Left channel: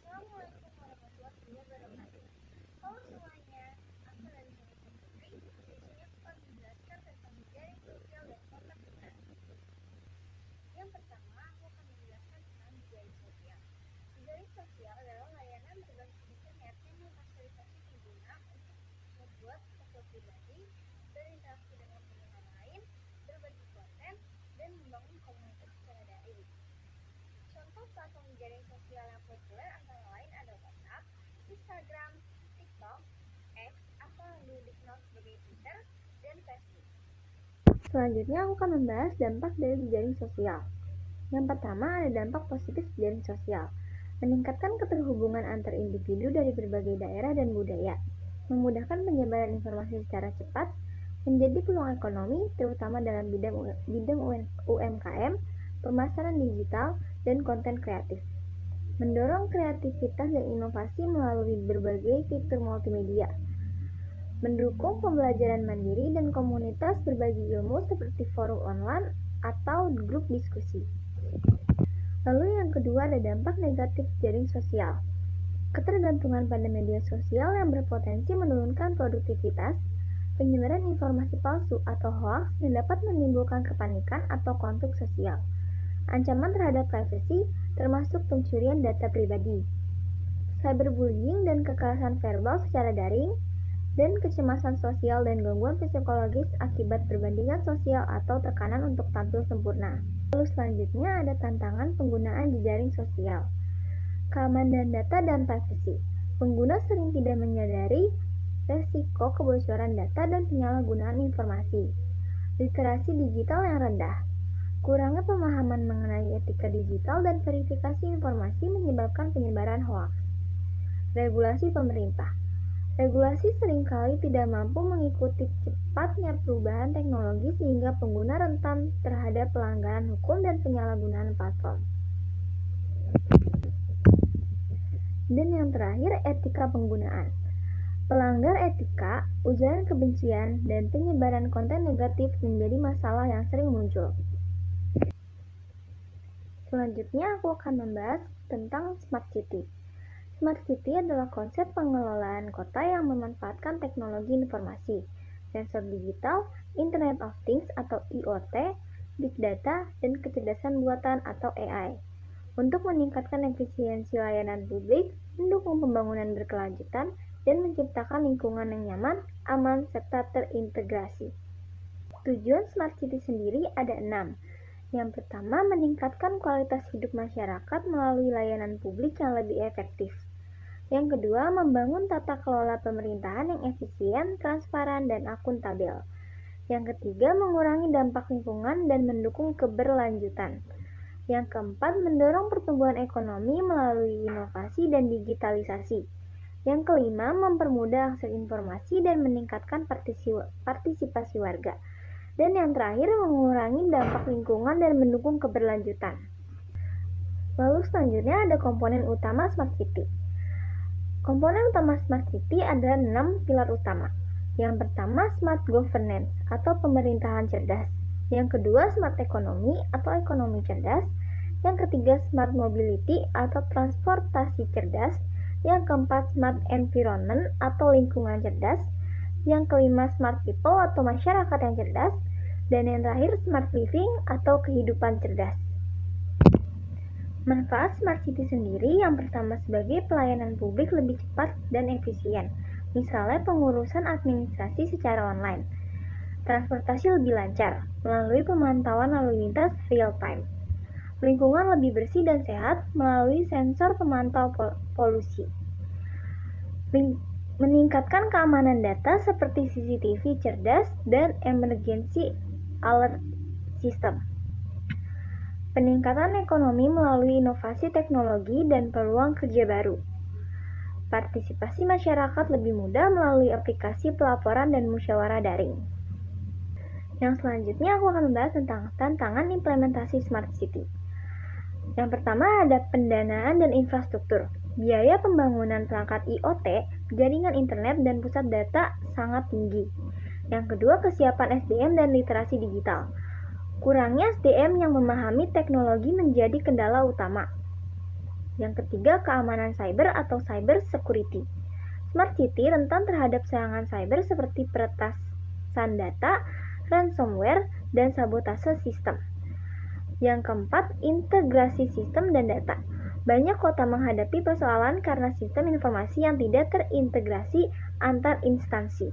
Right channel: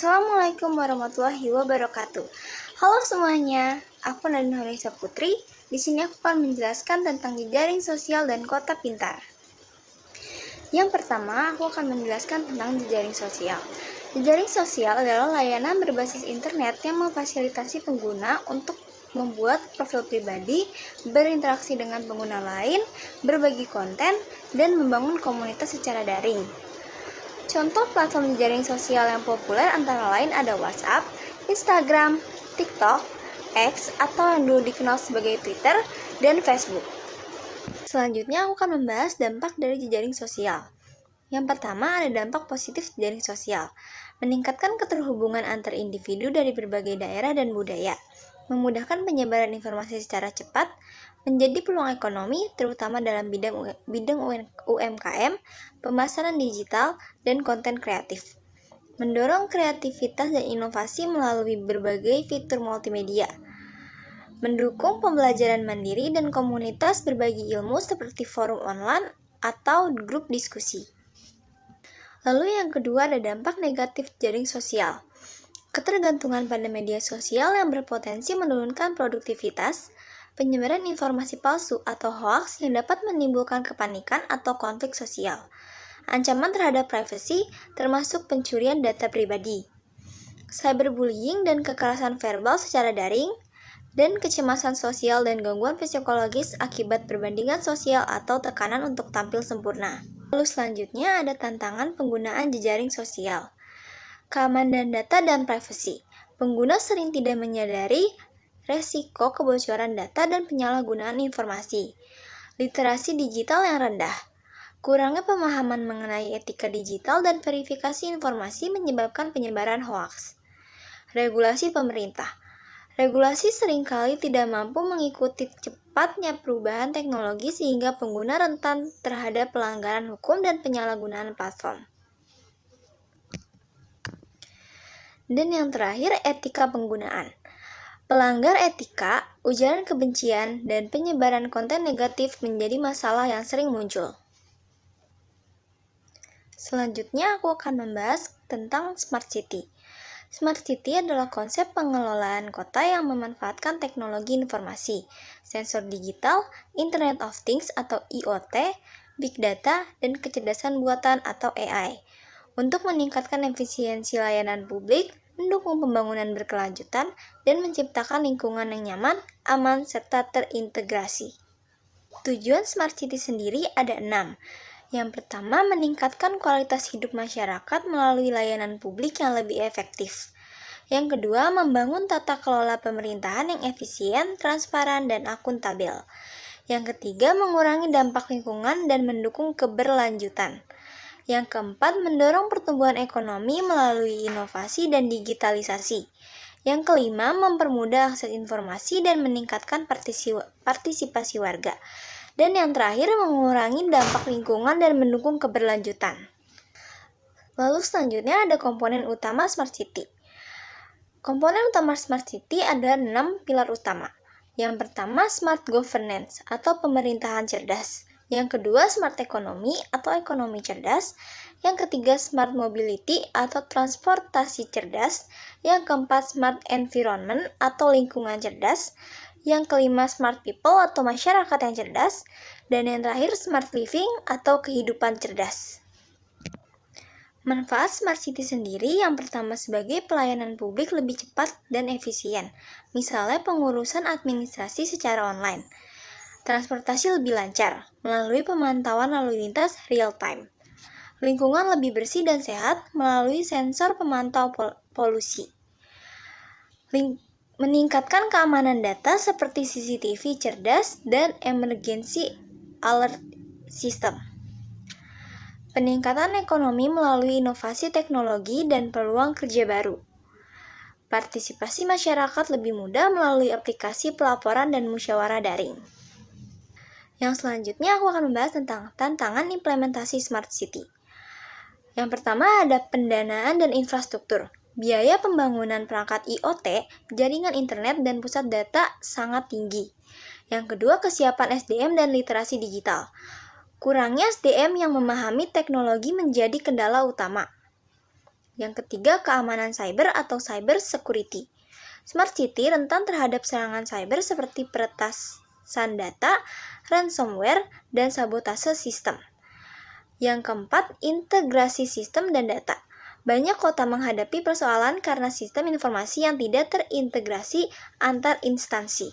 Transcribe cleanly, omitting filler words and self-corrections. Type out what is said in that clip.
Assalamualaikum warahmatullahi wabarakatuh. Halo semuanya, aku Nadine Horisa Putri. Di sini aku akan menjelaskan tentang jejaring sosial dan kota pintar. Yang pertama, aku akan menjelaskan tentang jejaring sosial. Jejaring sosial adalah layanan berbasis internet yang memfasilitasi pengguna untuk membuat profil pribadi, berinteraksi dengan pengguna lain, berbagi konten, dan membangun komunitas secara daring. Contoh platform jejaring sosial yang populer antara lain ada WhatsApp, Instagram, TikTok, X atau yang dulu dikenal sebagai Twitter, dan Facebook. Selanjutnya aku akan membahas dampak dari jejaring sosial. Yang pertama ada dampak positif jejaring sosial, meningkatkan keterhubungan antar individu dari berbagai daerah dan budaya, memudahkan penyebaran informasi secara cepat, menjadi peluang ekonomi terutama dalam bidang UMKM, pemasaran digital, dan konten kreatif. Mendorong kreativitas dan inovasi melalui berbagai fitur multimedia. Mendukung pembelajaran mandiri dan komunitas berbagi ilmu seperti forum online atau grup diskusi. Lalu yang kedua ada dampak negatif jejaring sosial. Ketergantungan pada media sosial yang berpotensi menurunkan produktivitas, penyebaran informasi palsu atau hoaks yang dapat menimbulkan kepanikan atau konflik sosial, ancaman terhadap privasi termasuk pencurian data pribadi, cyberbullying dan kekerasan verbal secara daring, dan kecemasan sosial dan gangguan psikologis akibat perbandingan sosial atau tekanan untuk tampil sempurna. Lalu selanjutnya ada tantangan penggunaan jejaring sosial. Keamanan data dan privasi. Pengguna sering tidak menyadari resiko kebocoran data dan penyalahgunaan informasi. Literasi digital yang rendah. Kurangnya pemahaman mengenai etika digital dan verifikasi informasi menyebabkan penyebaran hoaks. Regulasi pemerintah. Regulasi seringkali tidak mampu mengikuti cepatnya perubahan teknologi sehingga pengguna rentan terhadap pelanggaran hukum dan penyalahgunaan platform. Dan yang terakhir, etika penggunaan. Pelanggar etika, ujaran kebencian, dan penyebaran konten negatif menjadi masalah yang sering muncul. Selanjutnya aku akan membahas tentang Smart City. Smart City adalah konsep pengelolaan kota yang memanfaatkan teknologi informasi, sensor digital, Internet of Things atau IoT, Big Data, dan kecerdasan buatan atau AI untuk meningkatkan efisiensi layanan publik, mendukung pembangunan berkelanjutan, dan menciptakan lingkungan yang nyaman, aman, serta terintegrasi. Tujuan Smart City sendiri ada 6. Yang pertama, meningkatkan kualitas hidup masyarakat melalui layanan publik yang lebih efektif. Yang kedua, membangun tata kelola pemerintahan yang efisien, transparan, dan akuntabel. Yang ketiga, mengurangi dampak lingkungan dan mendukung keberlanjutan. Yang keempat, mendorong pertumbuhan ekonomi melalui inovasi dan digitalisasi. Yang kelima, mempermudah akses informasi dan meningkatkan partisipasi warga. Dan yang terakhir, mengurangi dampak lingkungan dan mendukung keberlanjutan. Lalu selanjutnya ada komponen utama Smart City. Komponen utama Smart City ada 6 pilar utama. Yang pertama, Smart Governance atau pemerintahan cerdas. Yang kedua, Smart Economy atau ekonomi cerdas. Yang ketiga, Smart Mobility atau transportasi cerdas. Yang keempat, Smart Environment atau lingkungan cerdas. Yang kelima, Smart People atau masyarakat yang cerdas. Dan yang terakhir, Smart Living atau kehidupan cerdas. Manfaat Smart City sendiri yang pertama sebagai pelayanan publik lebih cepat dan efisien. Misalnya pengurusan administrasi secara online. Transportasi lebih lancar melalui pemantauan lalu lintas real time. Lingkungan lebih bersih dan sehat melalui sensor pemantau polusi. Meningkatkan keamanan data seperti CCTV cerdas dan emergency alert system. Peningkatan ekonomi melalui inovasi teknologi dan peluang kerja baru. Partisipasi masyarakat lebih mudah melalui aplikasi pelaporan dan musyawarah daring. Yang selanjutnya aku akan membahas tentang tantangan implementasi Smart City. Yang pertama ada pendanaan dan infrastruktur. Biaya pembangunan perangkat IoT, jaringan internet, dan pusat data sangat tinggi. Yang kedua, kesiapan SDM dan literasi digital. Kurangnya SDM yang memahami teknologi menjadi kendala utama. Yang ketiga, keamanan cyber atau cyber security. Smart city rentan terhadap serangan cyber seperti peretasan data, ransomware, dan sabotase sistem. Yang keempat, integrasi sistem dan data. Banyak kota menghadapi persoalan karena sistem informasi yang tidak terintegrasi antar instansi.